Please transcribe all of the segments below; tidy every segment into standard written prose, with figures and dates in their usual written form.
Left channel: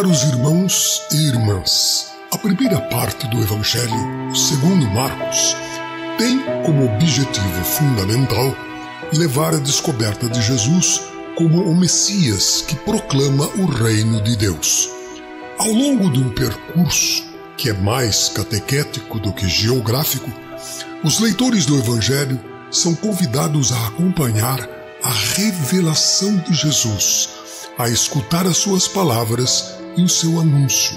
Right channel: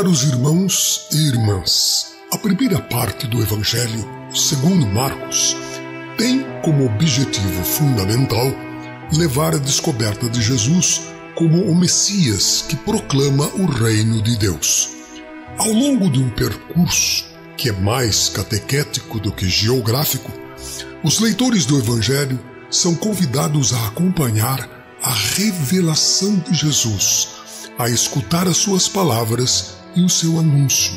Caros irmãos e irmãs, a primeira parte do Evangelho, segundo Marcos, tem como objetivo fundamental levar a descoberta de Jesus como o Messias que proclama o reino de Deus. Ao longo de um percurso que é mais catequético do que geográfico, os leitores do Evangelho são convidados a acompanhar a revelação de Jesus, a escutar as suas palavras e o seu anúncio,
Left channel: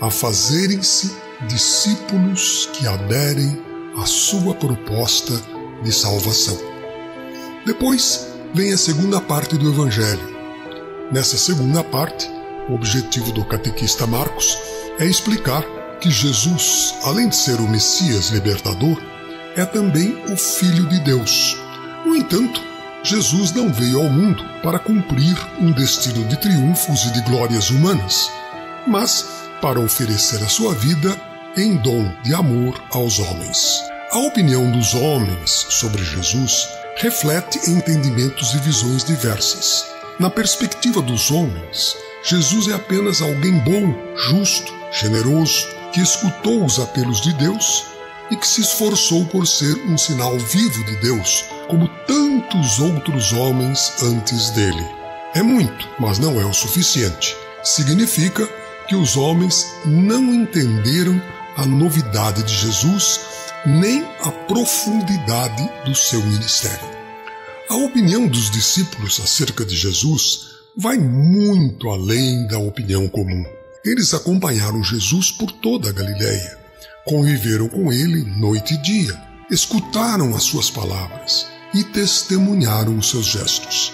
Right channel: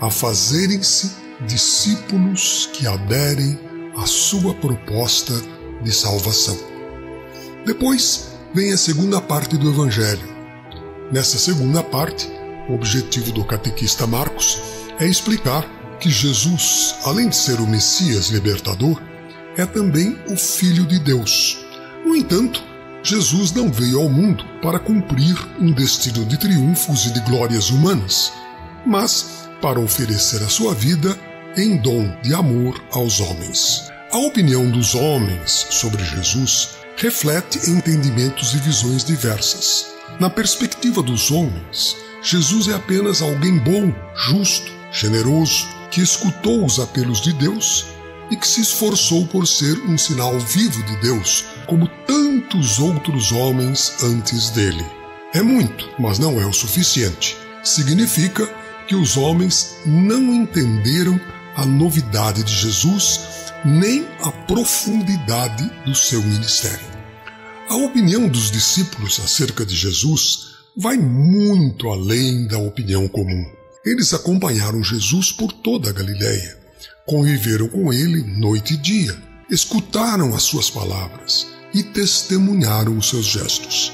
a fazerem-se discípulos que aderem à sua proposta de salvação. Depois vem a segunda parte do Evangelho. Nessa segunda parte, o objetivo do catequista Marcos é explicar que Jesus, além de ser o Messias libertador, é também o Filho de Deus. No entanto, Jesus não veio ao mundo para cumprir um destino de triunfos e de glórias humanas, mas para oferecer a sua vida em dom de amor aos homens. A opinião dos homens sobre Jesus reflete entendimentos e visões diversas. Na perspectiva dos homens, Jesus é apenas alguém bom, justo, generoso, que escutou os apelos de Deus e que se esforçou por ser um sinal vivo de Deus, como tantos outros homens antes dele. É muito, mas não é o suficiente. Significa que os homens não entenderam a novidade de Jesus, nem a profundidade do seu ministério. A opinião dos discípulos acerca de Jesus vai muito além da opinião comum. Eles acompanharam Jesus por toda a Galileia, conviveram com ele noite e dia, escutaram as suas palavras e testemunharam os seus gestos.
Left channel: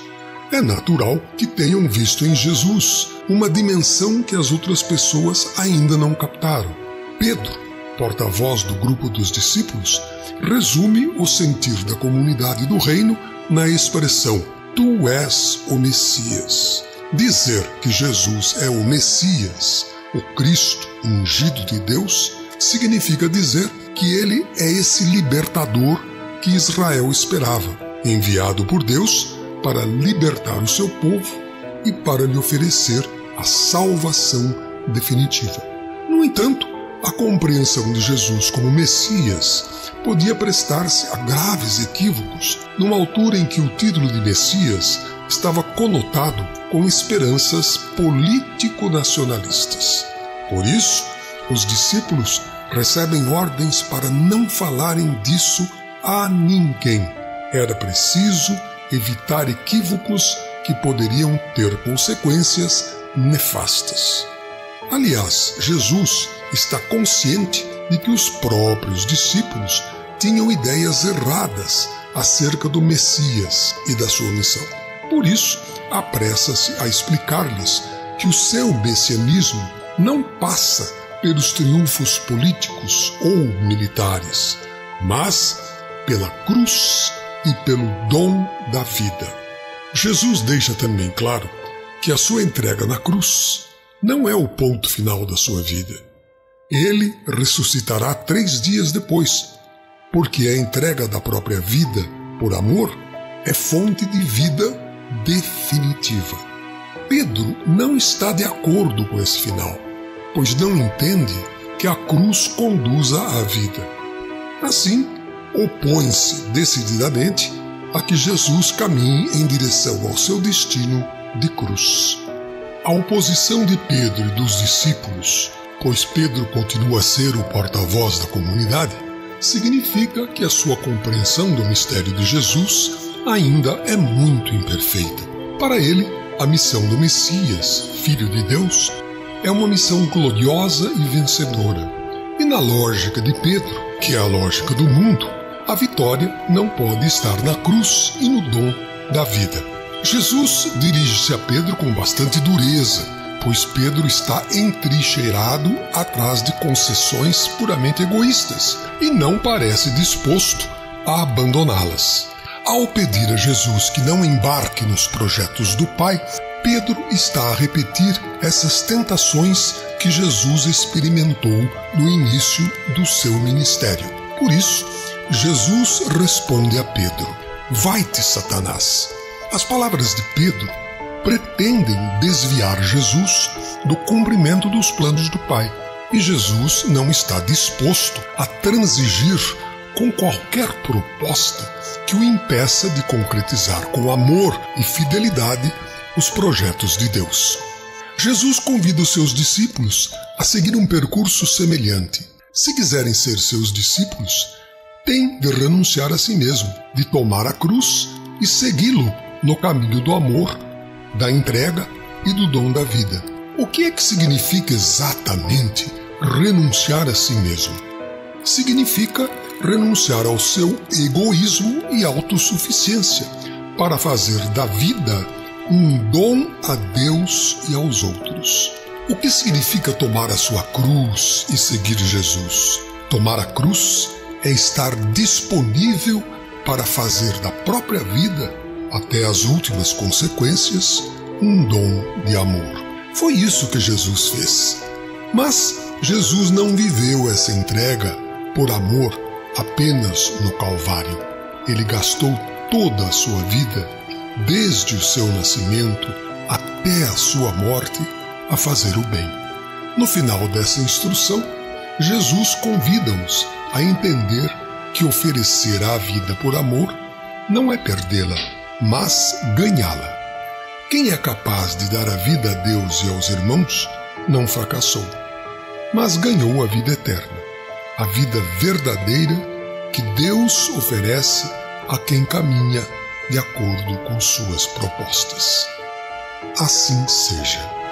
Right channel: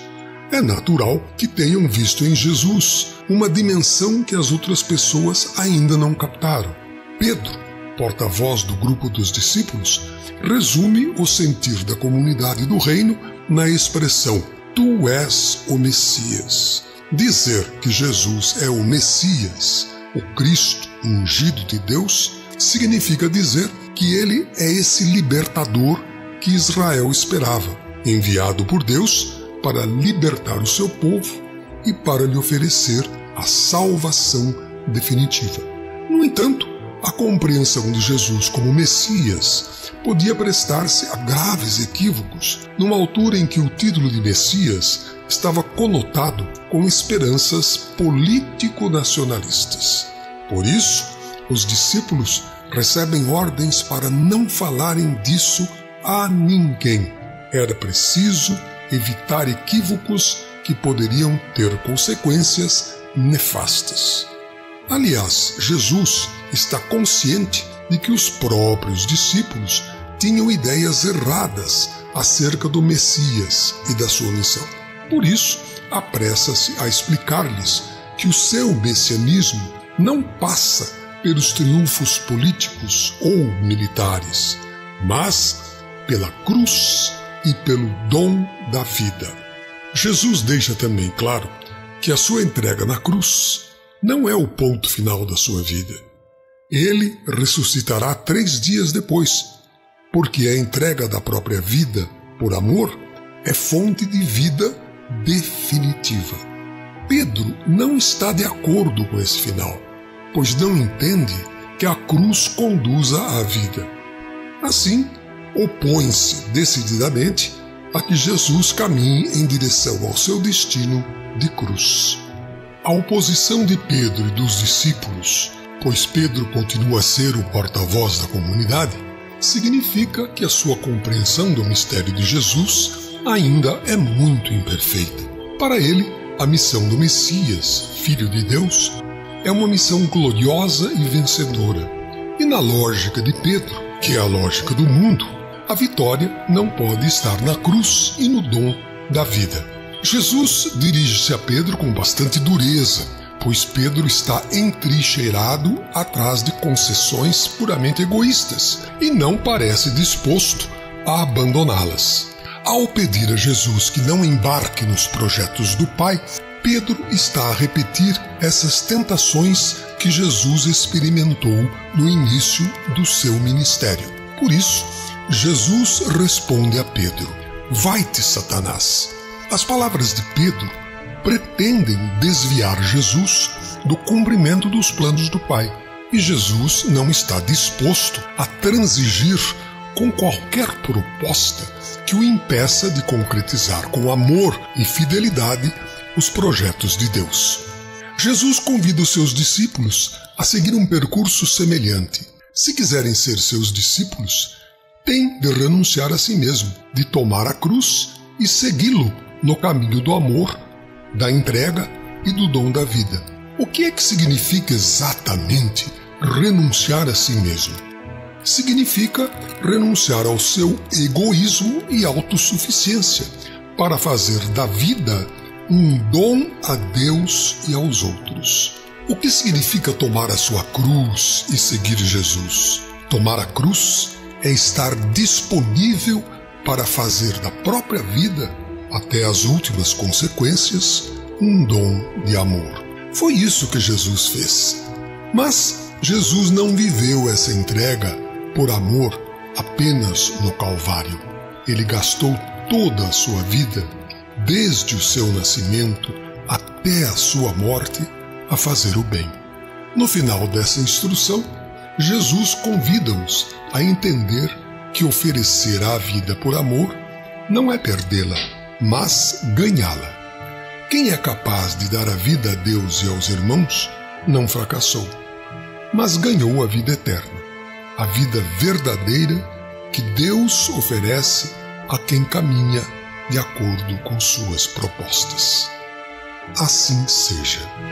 É natural que tenham visto em Jesus uma dimensão que as outras pessoas ainda não captaram. Pedro, porta-voz do grupo dos discípulos, resume o sentir da comunidade do reino na expressão "Tu és o Messias". Dizer que Jesus é o Messias, o Cristo ungido de Deus, significa dizer que ele é esse libertador que Israel esperava, enviado por Deus para libertar o seu povo e para lhe oferecer a salvação definitiva. No entanto, a compreensão de Jesus como Messias podia prestar-se a graves equívocos numa altura em que o título de Messias estava conotado com esperanças político-nacionalistas. Por isso, os discípulos recebem ordens para não falarem disso a ninguém. Era preciso evitar equívocos que poderiam ter consequências nefastas. Aliás, Jesus está consciente de que os próprios discípulos tinham ideias erradas acerca do Messias e da sua missão. Por isso, apressa-se a explicar-lhes que o seu messianismo não passa pelos triunfos políticos ou militares, mas pela cruz e pelo dom da vida. Jesus deixa também claro que a sua entrega na cruz não é o ponto final da sua vida. Ele ressuscitará 3 dias depois, porque a entrega da própria vida, por amor, é fonte de vida definitiva. Pedro não está de acordo com esse final, pois não entende que a cruz conduza à vida. Assim, opõe-se decididamente a que Jesus caminhe em direção ao seu destino de cruz. A oposição de Pedro e dos discípulos, pois Pedro continua a ser o porta-voz da comunidade, significa que a sua compreensão do mistério de Jesus ainda é muito imperfeita. Para ele, a missão do Messias, Filho de Deus, é uma missão gloriosa e vencedora. E na lógica de Pedro, que é a lógica do mundo, a vitória não pode estar na cruz e no dom da vida. Jesus dirige-se a Pedro com bastante dureza, pois Pedro está entrincheirado atrás de concessões puramente egoístas e não parece disposto a abandoná-las. Ao pedir a Jesus que não embarque nos projetos do Pai, Pedro está a repetir essas tentações que Jesus experimentou no início do seu ministério. Por isso, Jesus responde a Pedro: "Vai-te, Satanás." As palavras de Pedro pretendem desviar Jesus do cumprimento dos planos do Pai. E Jesus não está disposto a transigir com qualquer proposta que o impeça de concretizar com amor e fidelidade os projetos de Deus. Jesus convida os seus discípulos a seguir um percurso semelhante. Se quiserem ser seus discípulos, têm de renunciar a si mesmo, de tomar a cruz e segui-lo no caminho do amor, da entrega e do dom da vida. O que é que significa exatamente renunciar a si mesmo? Significa renunciar ao seu egoísmo e autossuficiência para fazer da vida um dom a Deus e aos outros. O que significa tomar a sua cruz e seguir Jesus? Tomar a cruz é estar disponível para fazer da própria vida, até as últimas consequências, um dom de amor. Foi isso que Jesus fez. Mas Jesus não viveu essa entrega por amor apenas no Calvário. Ele gastou toda a sua vida, desde o seu nascimento até a sua morte, a fazer o bem. No final dessa instrução, Jesus convida-os a entender que oferecer a vida por amor não é perdê-la, mas ganhá-la. Quem é capaz de dar a vida a Deus e aos irmãos não fracassou, mas ganhou a vida eterna, a vida verdadeira que Deus oferece a quem caminha de acordo com suas propostas. Assim seja.